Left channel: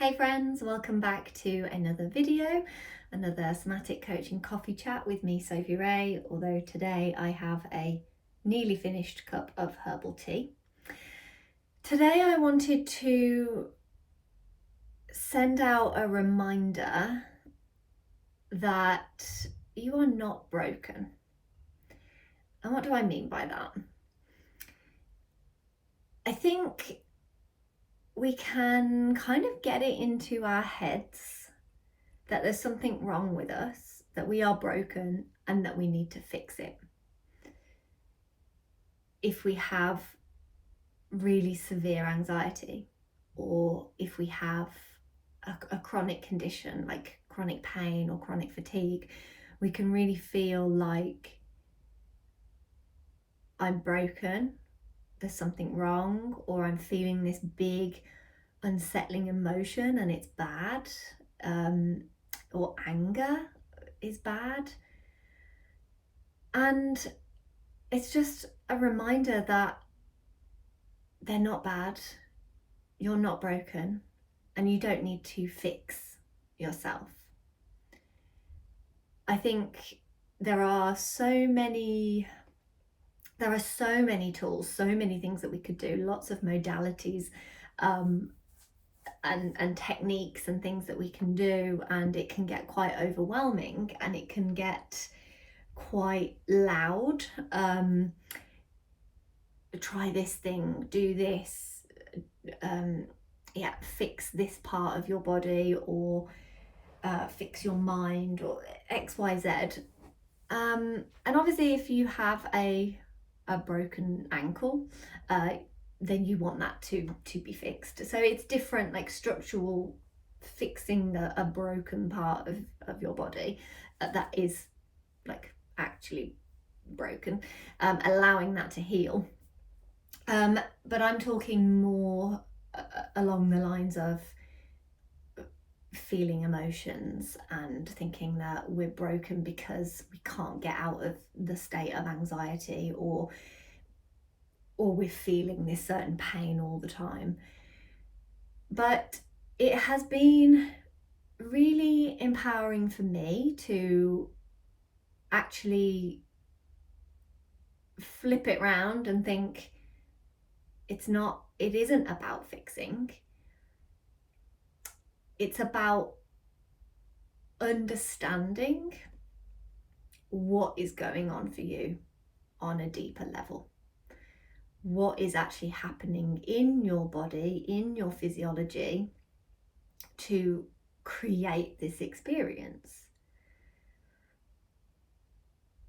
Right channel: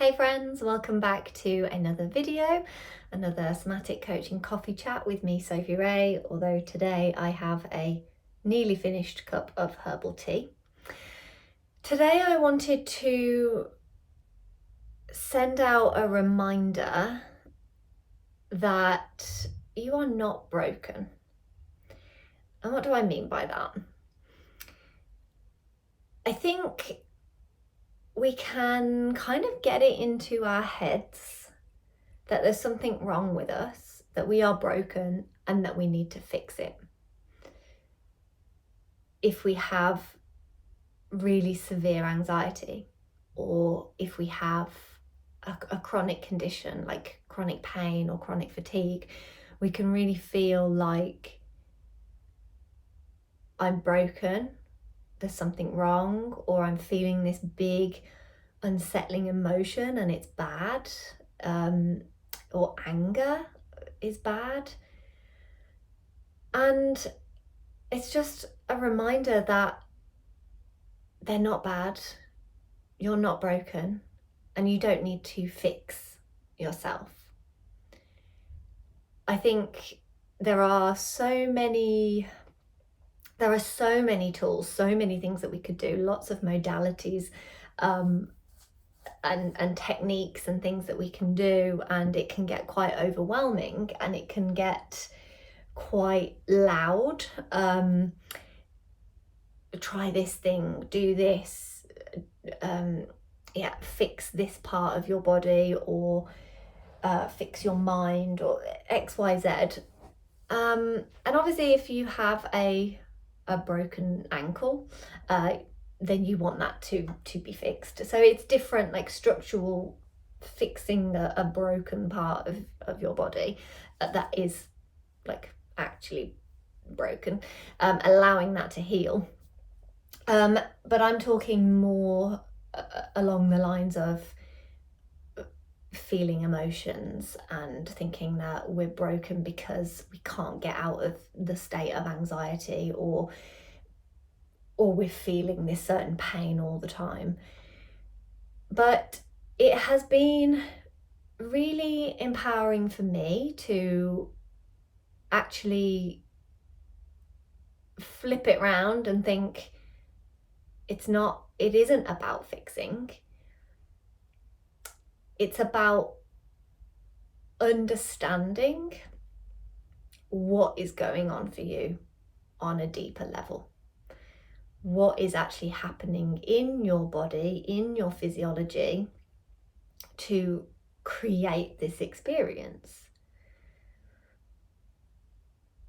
Hey friends, welcome back to another video, another somatic coaching coffee chat with me, Sophie Ray, although today I have a nearly finished cup of herbal tea. Today I wanted to send out a reminder that you are not broken. And what do I mean by that? I think we can kind of get it into our heads that there's something wrong with us, that we are broken and that we need to fix it. If we have really severe anxiety, or if we have a chronic condition like chronic pain or chronic fatigue, we can really feel like I'm broken, there's something wrong, or I'm feeling this big unsettling emotion and it's bad, or anger is bad. And it's just a reminder that they're not bad, you're not broken, and you don't need to fix yourself. I think there are so many tools, so many things that we could do, lots of modalities and techniques and things that we can do, and it can get quite overwhelming and it can get quite loud. Try this thing, do this, fix this part of your body, or fix your mind, or XYZ. And obviously if you have a broken ankle, then you want that to be fixed. So it's different, like structural fixing a broken part of your body that is like actually broken, allowing that to heal. But I'm talking more along the lines of feeling emotions and thinking that we're broken because we can't get out of the state of anxiety, or we're feeling this certain pain all the time. But it has been really empowering for me to actually flip it round and think it isn't about fixing. It's about understanding what is going on for you on a deeper level. What is actually happening in your body, in your physiology, to create this experience.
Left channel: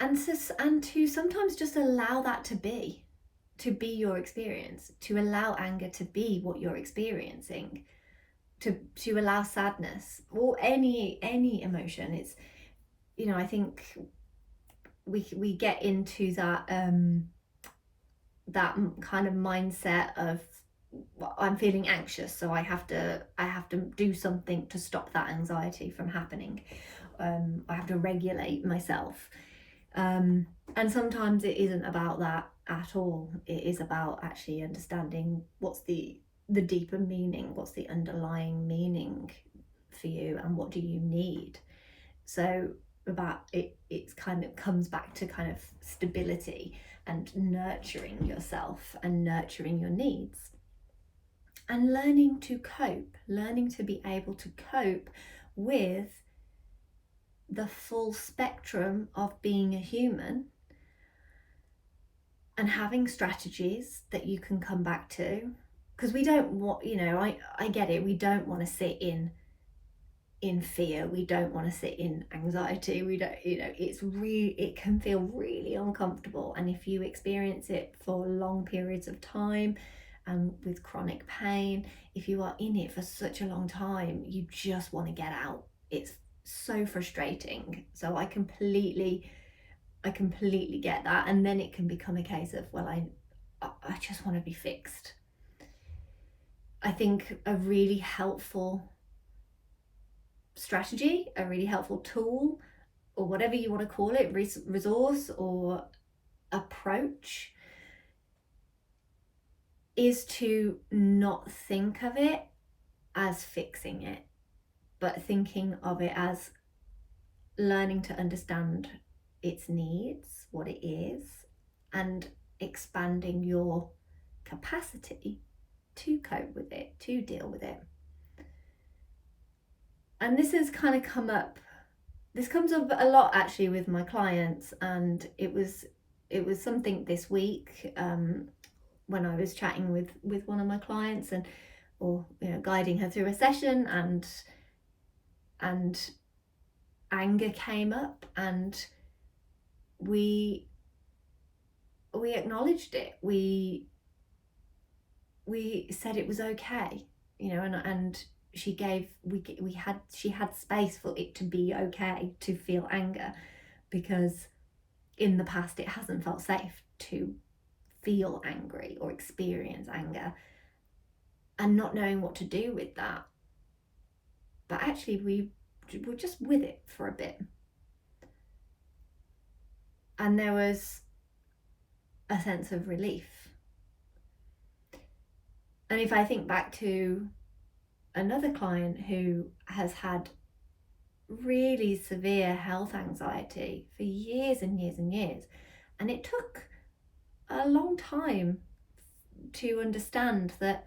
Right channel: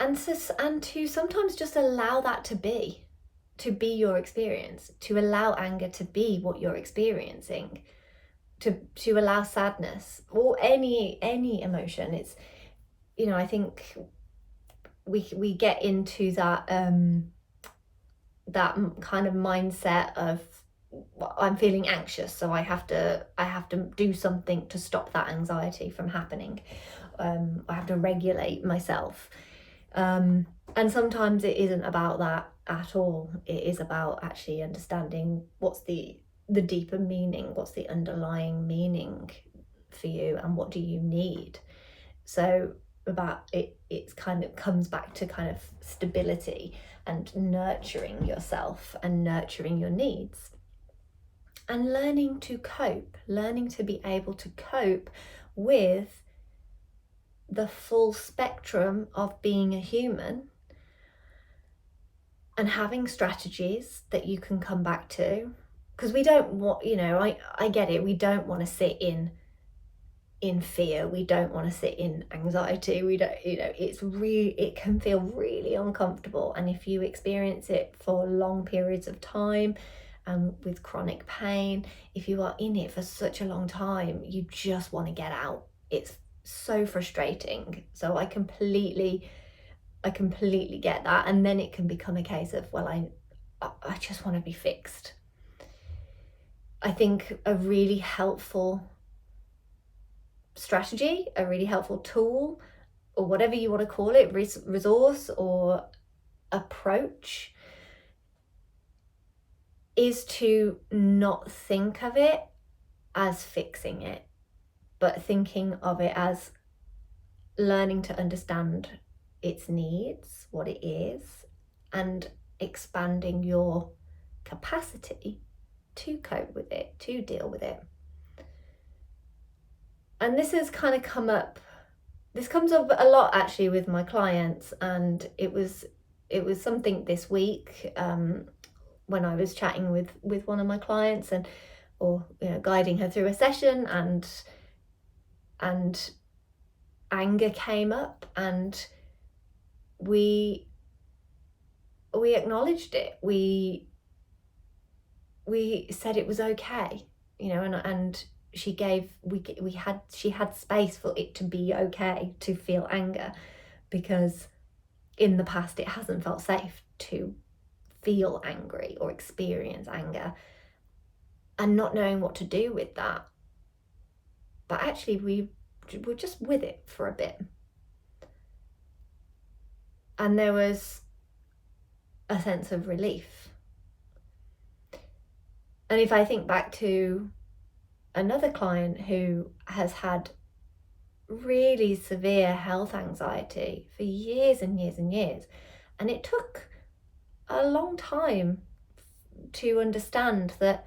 And to sometimes just allow that to be your experience, to allow anger to be what you're experiencing, to allow sadness or any emotion. It's, I think we get into that that kind of mindset of, I'm feeling anxious, so I have to do something to stop that anxiety from happening. I have to regulate myself, and sometimes it isn't about that at all. It is about actually understanding what's the deeper meaning, what's the underlying meaning for you, and what do you need. So about it's kind of comes back to kind of stability and nurturing yourself and nurturing your needs, and learning to cope, learning to be able to cope with the full spectrum of being a human, and having strategies that you can come back to. Because we don't want, I get it, we don't want to sit in fear, we don't want to sit in anxiety, we don't, it can feel really uncomfortable. And if you experience it for long periods of time and with chronic pain, if you are in it for such a long time, you just want to get out. It's so frustrating. So I completely get that. And then it can become a case of, well, I just want to be fixed. I think a really helpful strategy, a really helpful tool, or whatever you want to call it, resource or approach, is to not think of it as fixing it, but thinking of it as learning to understand its needs, what it is, and expanding your capacity to cope with it, to deal with it. And this has kind of this comes up a lot actually with my clients, and it was something this week when I was chatting with one of my clients or guiding her through a session, and anger came up, and we acknowledged it. We said it was okay, and she had space for it to be okay to feel anger, because in the past it hasn't felt safe to feel angry or experience anger, and not knowing what to do with that. But actually we were just with it for a bit, and there was a sense of relief. And if I think back to another client who has had really severe health anxiety for years and years and years, and it took a long time to understand that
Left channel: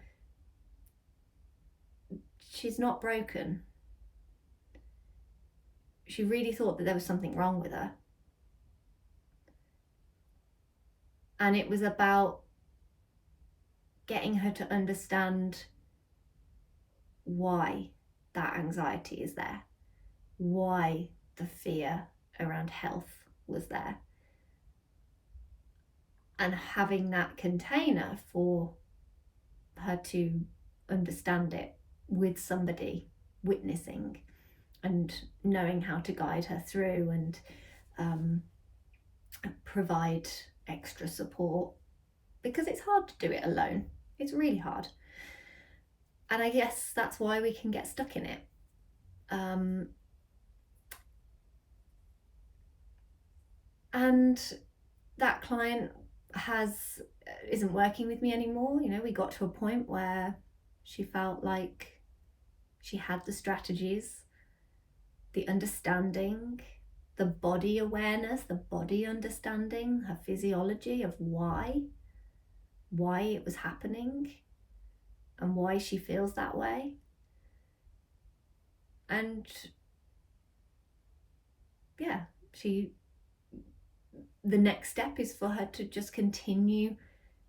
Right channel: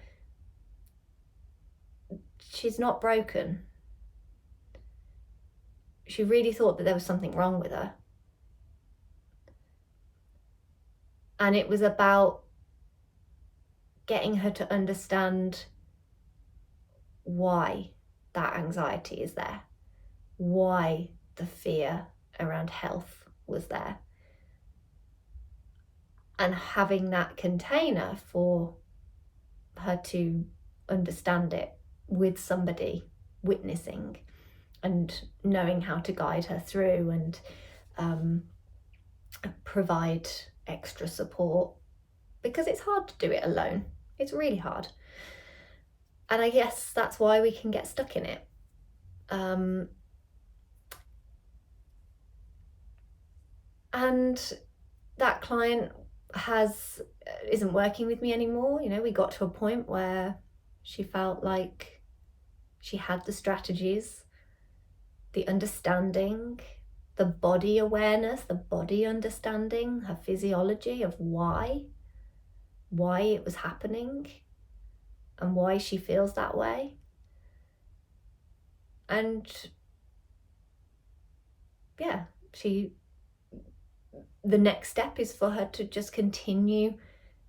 she's not broken. She really thought that there was something wrong with her. And it was about getting her to understand why that anxiety is there, why the fear around health was there, and having that container for her to understand it with somebody witnessing and knowing how to guide her through and provide extra support, because it's hard to do it alone. It's really hard. And I guess that's why we can get stuck in it. And that client isn't working with me anymore. We got to a point where she felt like she had the strategies, the understanding, the body awareness, the body understanding, her physiology of why it was happening and why she feels that way. And yeah, the next step is for her to just continue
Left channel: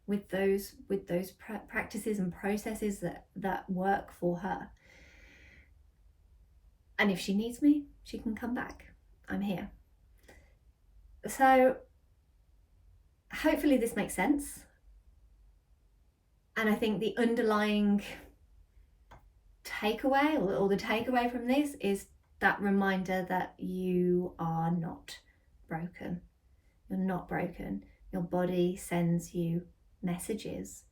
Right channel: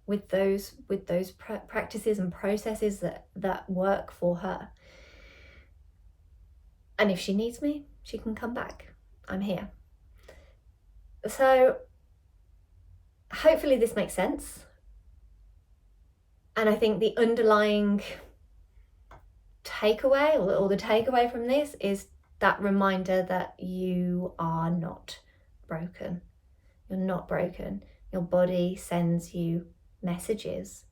with those practices and processes that work for her. And if she needs me, she can come back. I'm here. So hopefully this makes sense. And I think the underlying takeaway or the takeaway from this is that reminder that you are not broken. You're not broken. Your body sends you messages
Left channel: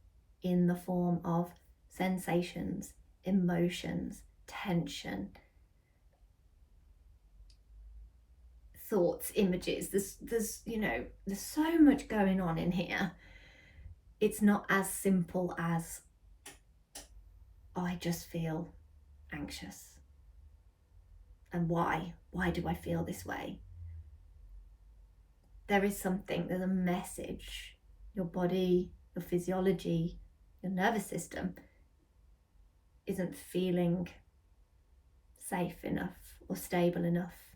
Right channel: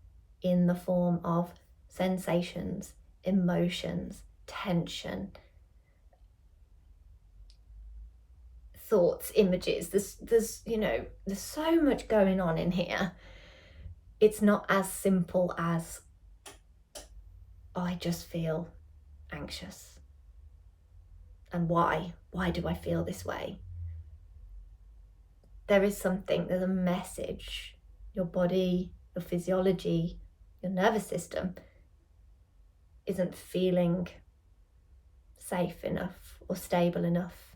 in the form of sensations, emotions, tension, thoughts, images. There's so much going on in here. It's not as simple as I just feel anxious. And why do I feel this way? There's a message. Your body, your physiology, your nervous system isn't feeling safe enough or stable enough.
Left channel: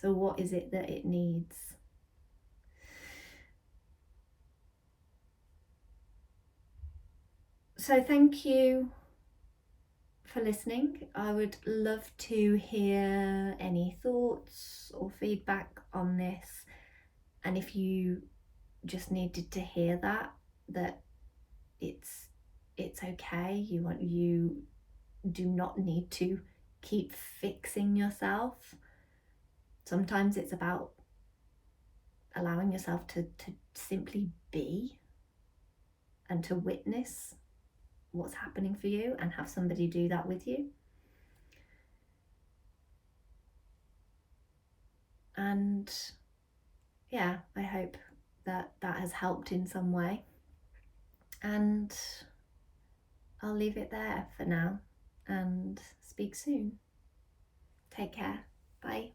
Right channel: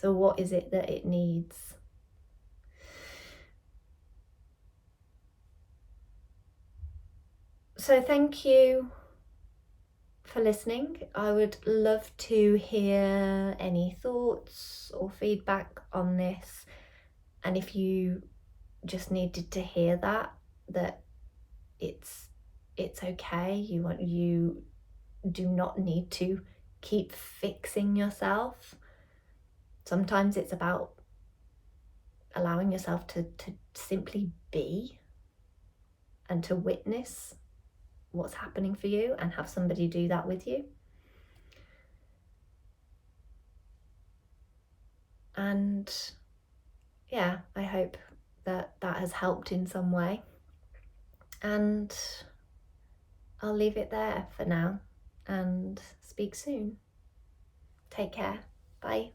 So what is it that it needs? So thank you for listening. I would love to hear any thoughts or feedback on this. And if you just needed to hear that it's okay, you do not need to keep fixing yourself. Sometimes it's about allowing yourself to simply be and to witness what's happening for you and have somebody do that with you. And yeah, I hope that has helped in some way. And I'll leave it there for now and speak soon. Take care. Bye.